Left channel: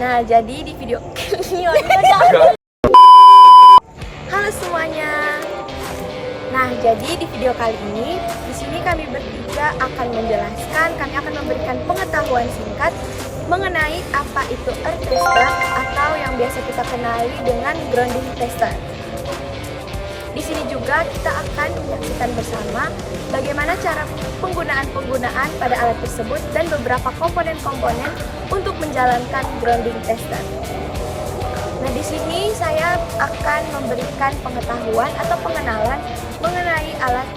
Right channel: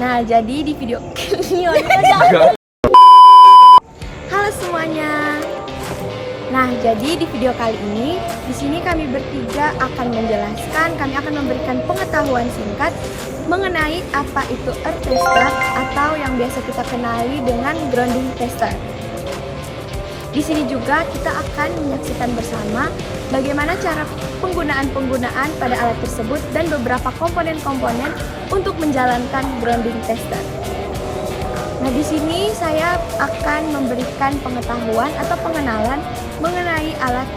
Nah, jadi di video Halo semuanya. Nah, jadi di video kali ini di sini kami bertiga akan menjelaskan, kami akan memberikan pengetahuan singkat mengenai apa itu earth tester atau yang biasa kita kenali dengan grounding tester. Di sini juga kita akan menyaksikan bersama bagaimana cara penggunaan pada alat tersebut dan beberapa komponen-komponen untuk menjalankan grounding tester. Nah, di sini saya akan memberikan pengetahuan atau pengenalan mengenai alat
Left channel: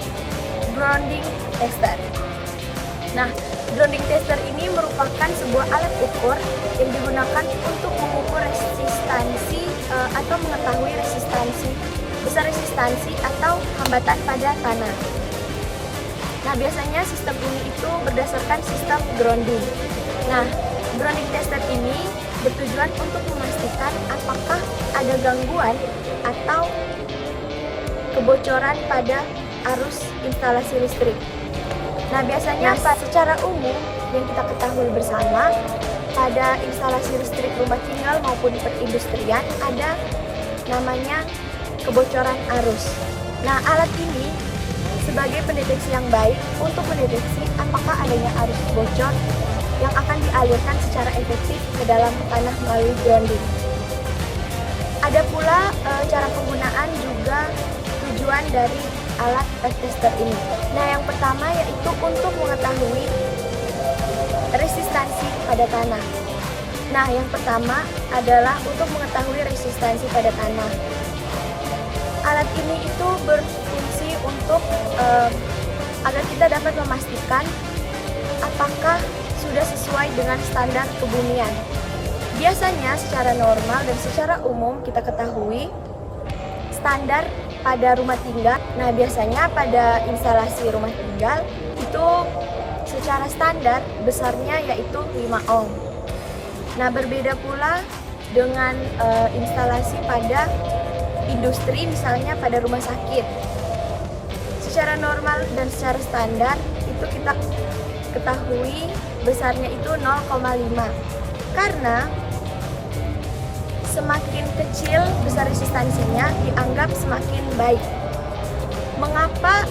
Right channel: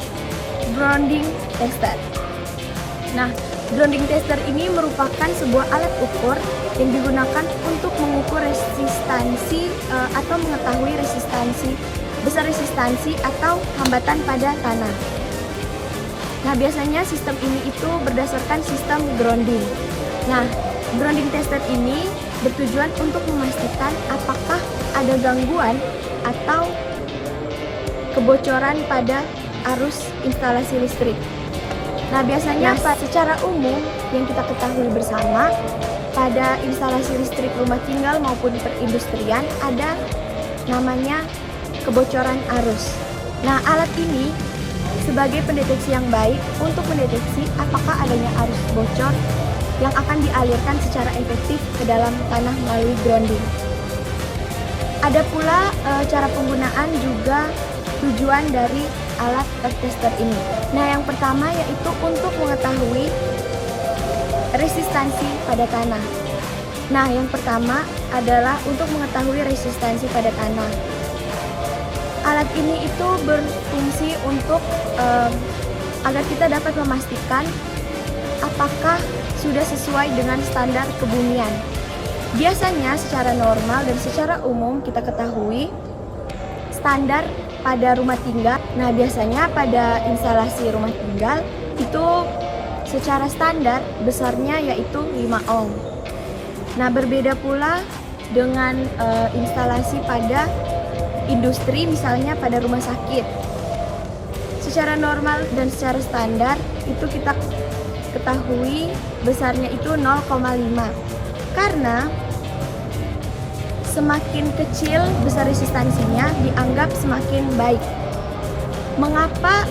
grounding tester. Nah, grounding tester ini merupakan sebuah alat ukur yang digunakan untuk mengukur resistansi atau mengetahui besar resistansi atau hambatan pada tanah. Nah, biasanya sistem ini itu berdasarkan sistem grounding. Nah, grounding tester ini bertujuan untuk memastikan apakah ada gangguan atau kebocoran pada arus instalasi listrik. Nah, biasanya secara umum yang kita ketahui bersama pada instalasi listrik rumah tinggal maupun perindustrian ada namanya kebocoran arus. Nah, alat ini sebagai pendeteksi yang baik untuk mendeteksi apakah adanya arus bocor yang akan dialirkan secara efektif ke dalam tanah melalui grounding. Ada pula cara penggunaan juga tujuan dari alat earth tester ini. Nah, yang pertama yaitu untuk mengetahui resistansi pada tanah. Nah, yang pertama adalah untuk mengetahui resistansi pada tanah. Alat ini itu berfungsi untuk agar kita dapat memastikan apakah sudah sesuai dengan standar kebumian. Biasanya secara normal dan secara umum kita ketahui standar pada rumah tinggal. Nah, biasanya pada instalasi rumah tinggal itu secara standar besarnya yaitu 5 ohm. Nah, berbeda pula dengan instalasi pada industri, misalnya pada rumah sakit. Secara normal dan secara standar itu kita ketahui besarnya itu 0,5. Karena semakin kecil besar resistansinya dianggap semakin baik. Mengapa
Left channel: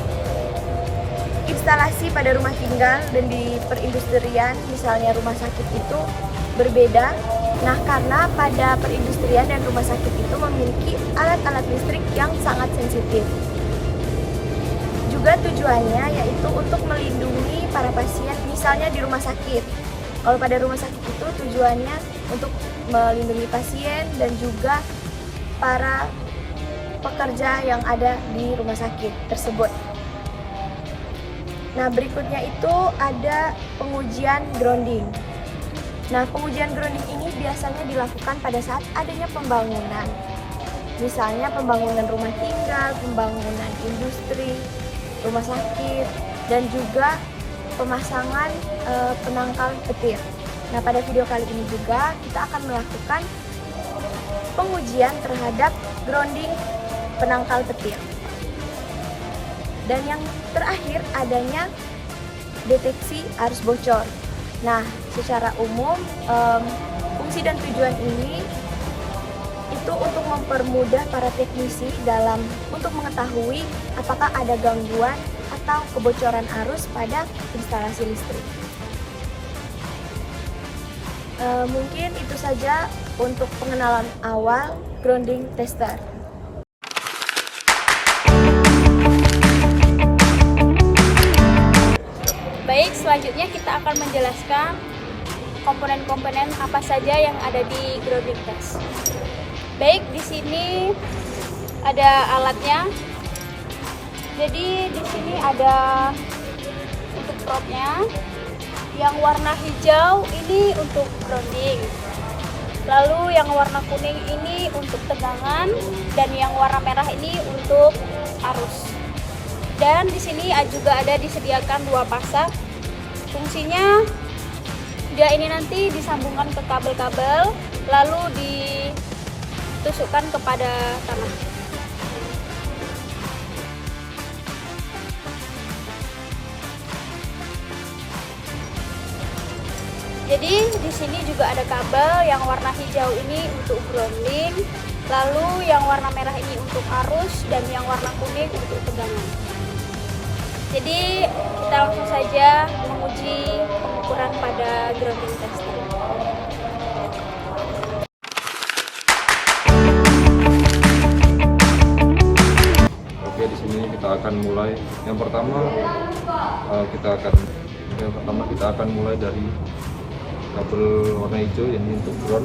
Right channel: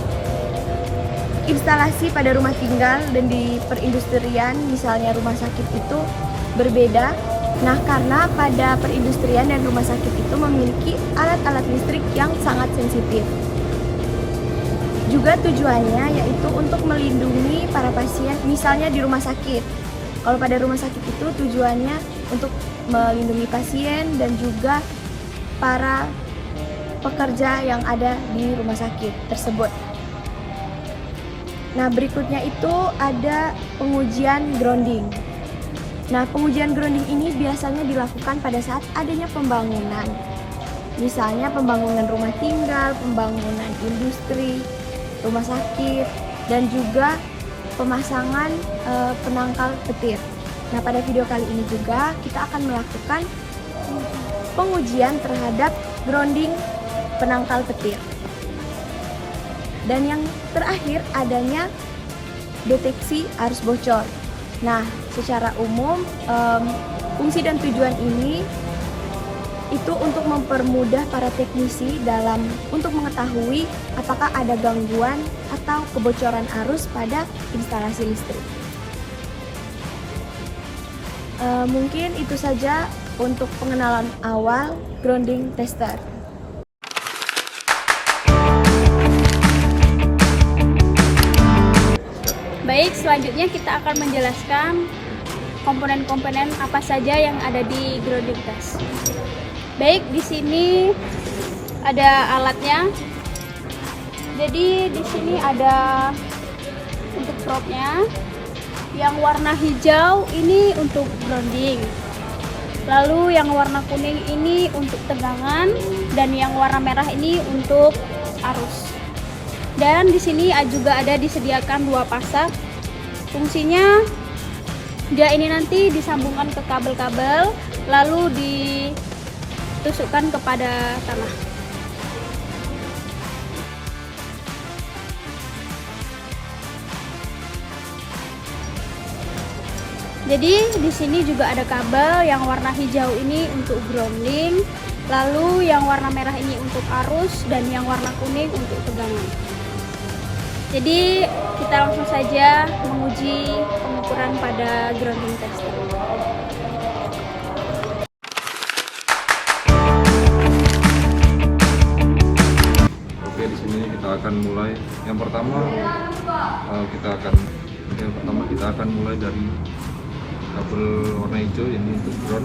instalasi pada rumah tinggal dan di perindustrian, misalnya rumah sakit itu berbeda? Nah, karena pada perindustrian dan rumah sakit itu memiliki alat-alat listrik yang sangat sensitif. Juga tujuannya yaitu untuk melindungi para pasien, misalnya di rumah sakit. Kalau pada rumah sakit itu tujuannya untuk melindungi pasien dan juga para pekerja yang ada di rumah sakit tersebut. Nah, berikutnya itu ada pengujian grounding. Nah, pengujian grounding ini biasanya dilakukan pada saat adanya pembangunan. Misalnya pembangunan rumah tinggal, pembangunan industri, rumah sakit, dan juga pemasangan penangkal petir. Nah, pada video kali ini juga kita akan melakukan pengujian terhadap grounding penangkal petir. Dan yang terakhir adanya deteksi arus bocor. Nah, secara umum fungsi dan tujuan ini itu untuk mempermudah para teknisi untuk mengetahui apakah ada gangguan atau kebocoran arus pada instalasi listrik. Mungkin itu saja untuk pengenalan awal grounding tester. Baik, selanjutnya kita akan menjelaskan komponen-komponen apa saja yang ada di grounding test. Baik, di sini ada alatnya. Jadi di sini ada untuk rodnya. Yang warna hijau ini untuk grounding. Lalu yang warna kuning ini untuk tegangan dan yang warna merah ini untuk arus. Dan di sini juga ada disediakan 2 pasang. Fungsinya dia ini nanti disambungkan ke kabel-kabel lalu ditusukkan kepada tanah. Jadi di sini juga ada kabel yang warna hijau ini untuk ground link, lalu yang warna merah ini untuk arus, dan yang warna kuning untuk tegangan. Jadi kita langsung saja menguji pengukuran pada grounding tester. Oke, di sini kita akan mulai. Yang pertama kita akan mulai dari kabel warna hijau ini untuk ground.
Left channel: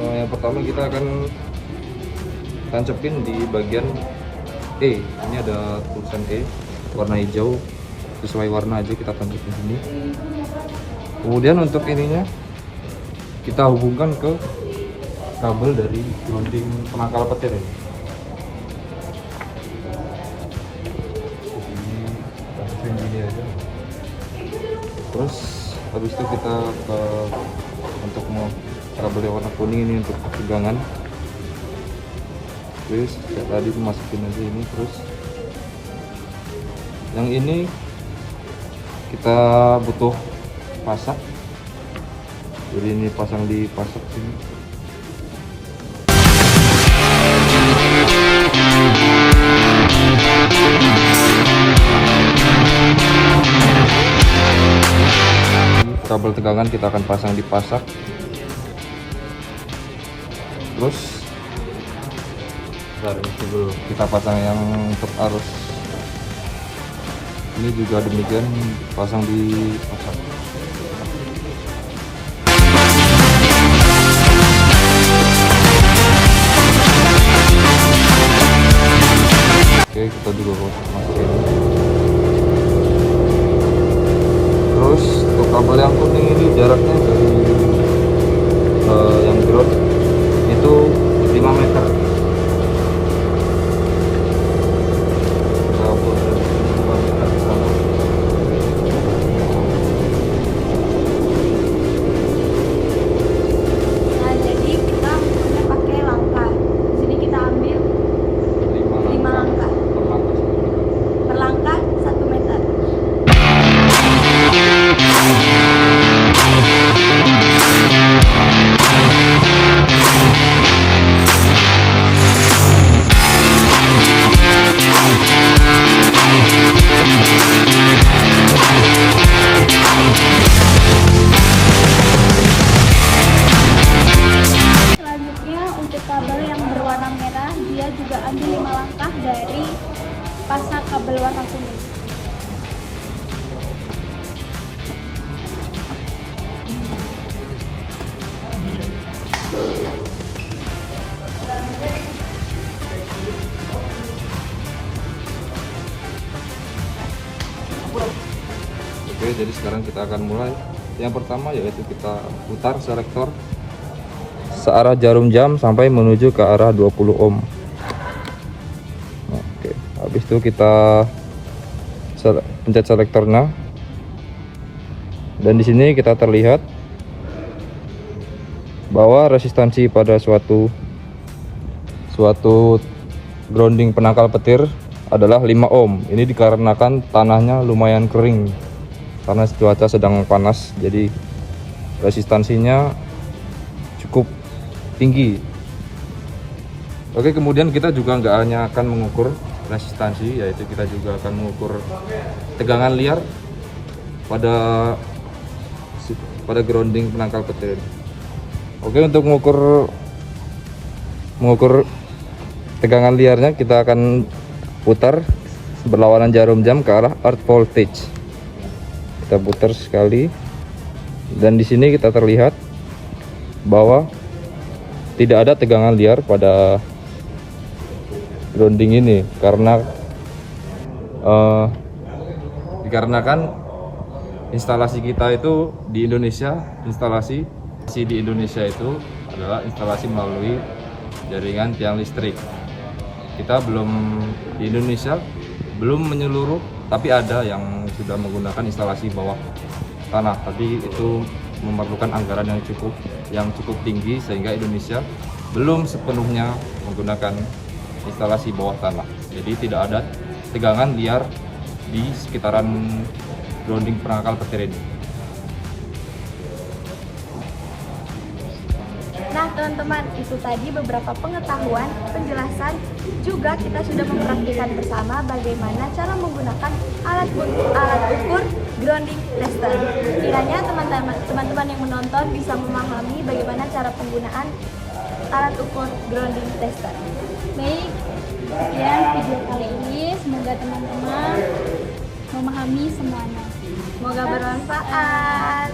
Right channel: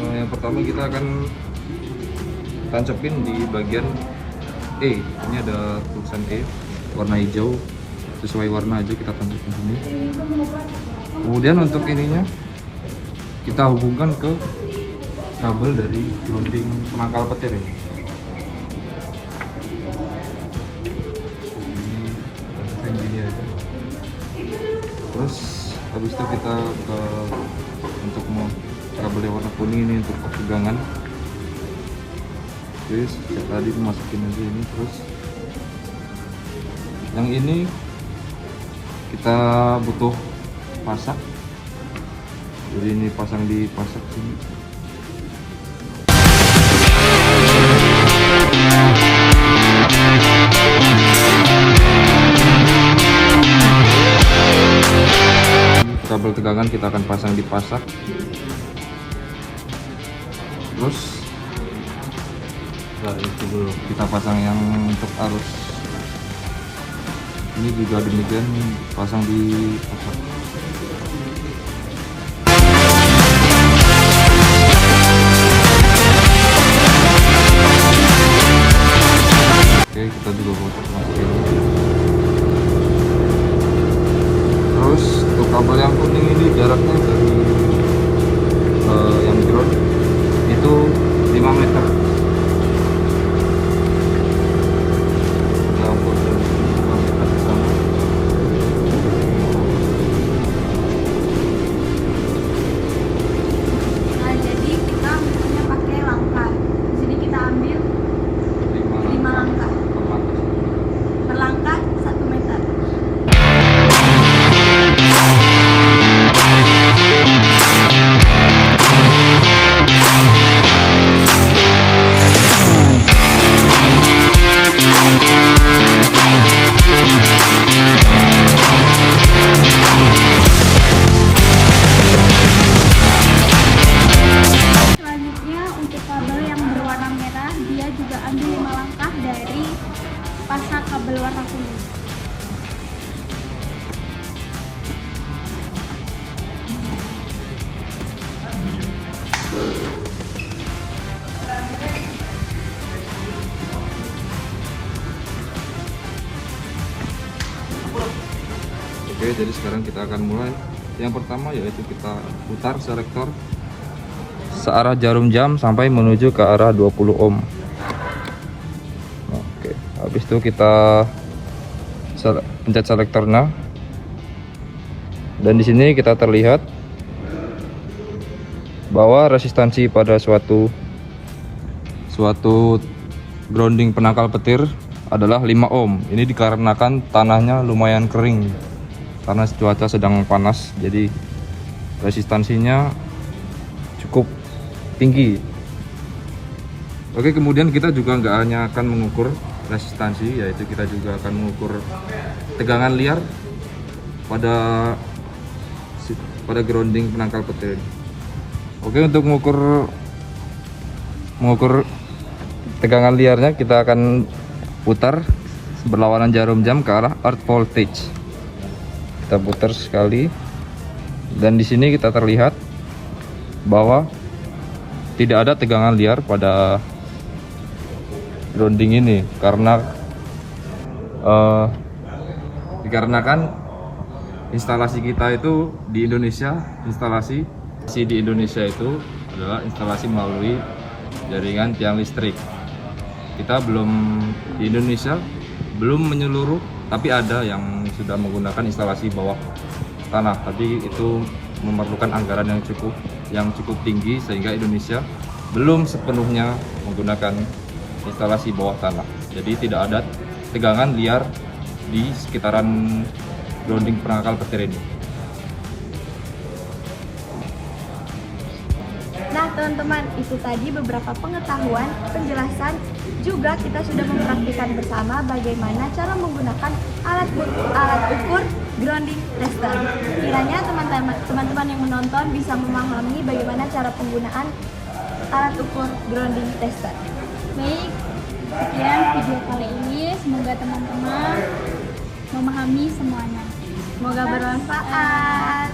Yang pertama kita akan tancepin di bagian E. Ini ada tulisan E warna hijau, sesuai warna aja kita tancapin sini. Kemudian untuk ininya kita hubungkan ke kabel dari grounding penangkal petir ini. Gini aja. Terus habis itu kita untuk kabel warna kuning ini untuk tegangan. Terus tadi masukin aja ini, terus yang ini kita butuh pasak, jadi ini pasang di pasak sini. Kabel tegangan kita akan pasang di pasak. Terus dulu kita pasang yang untuk arus ini juga demikian, pasang di pasak. Oke, kita juga masukin. Terus untuk kabel yang kuning ini jaraknya dari yang ground itu 5 meter. Kita ukur 5 meter ke sana. Nah, jadi kita ukurnya pakai langkah. Di sini kita ambil 5 langkah. Per langkah 1 meter. Selanjutnya untuk kabel yang berwarna merah, dia juga ambil 5 langkah dari pasak kabel warna kuning. Oke, jadi sekarang kita akan mulai. Yang pertama yaitu kita putar selektor searah jarum jam sampai menuju ke arah 20 ohm. Oke, habis itu kita pencet selektornya. Dan di sini kita terlihat bahwa resistansi pada suatu grounding penangkal petir adalah 5 ohm. Ini dikarenakan tanahnya lumayan kering karena cuaca sedang panas, jadi resistansinya cukup tinggi. Oke, kemudian kita juga nggak hanya akan mengukur resistansi, yaitu kita juga akan mengukur tegangan liar pada grounding penangkal petir. Oke, untuk mengukur tegangan liarnya kita akan putar berlawanan jarum jam ke arah earth voltage. Kita putar sekali, dan di sini kita terlihat bahwa tidak ada tegangan liar pada grounding ini karena dikarenakan instalasi kita itu di Indonesia, instalasi di Indonesia itu adalah instalasi melalui jaringan tiang listrik. Kita di Indonesia belum menyeluruh, tapi ada yang sudah menggunakan instalasi bawah tanah. Tapi itu memerlukan anggaran yang cukup tinggi, sehingga Indonesia belum sepenuhnya menggunakan instalasi bawah tanah. Jadi tidak ada tegangan liar di sekitaran grounding penangkal petir ini. teman-teman, itu tadi beberapa pengetahuan, penjelasan, juga kita sudah mempraktikkan bersama bagaimana cara menggunakan alat ukur grounding tester. Kiranya teman-teman yang menonton bisa memahami bagaimana cara penggunaan alat ukur grounding tester. Baik, sekian video kali ini. Semoga teman-teman memahami semuanya. Semoga bermanfaat.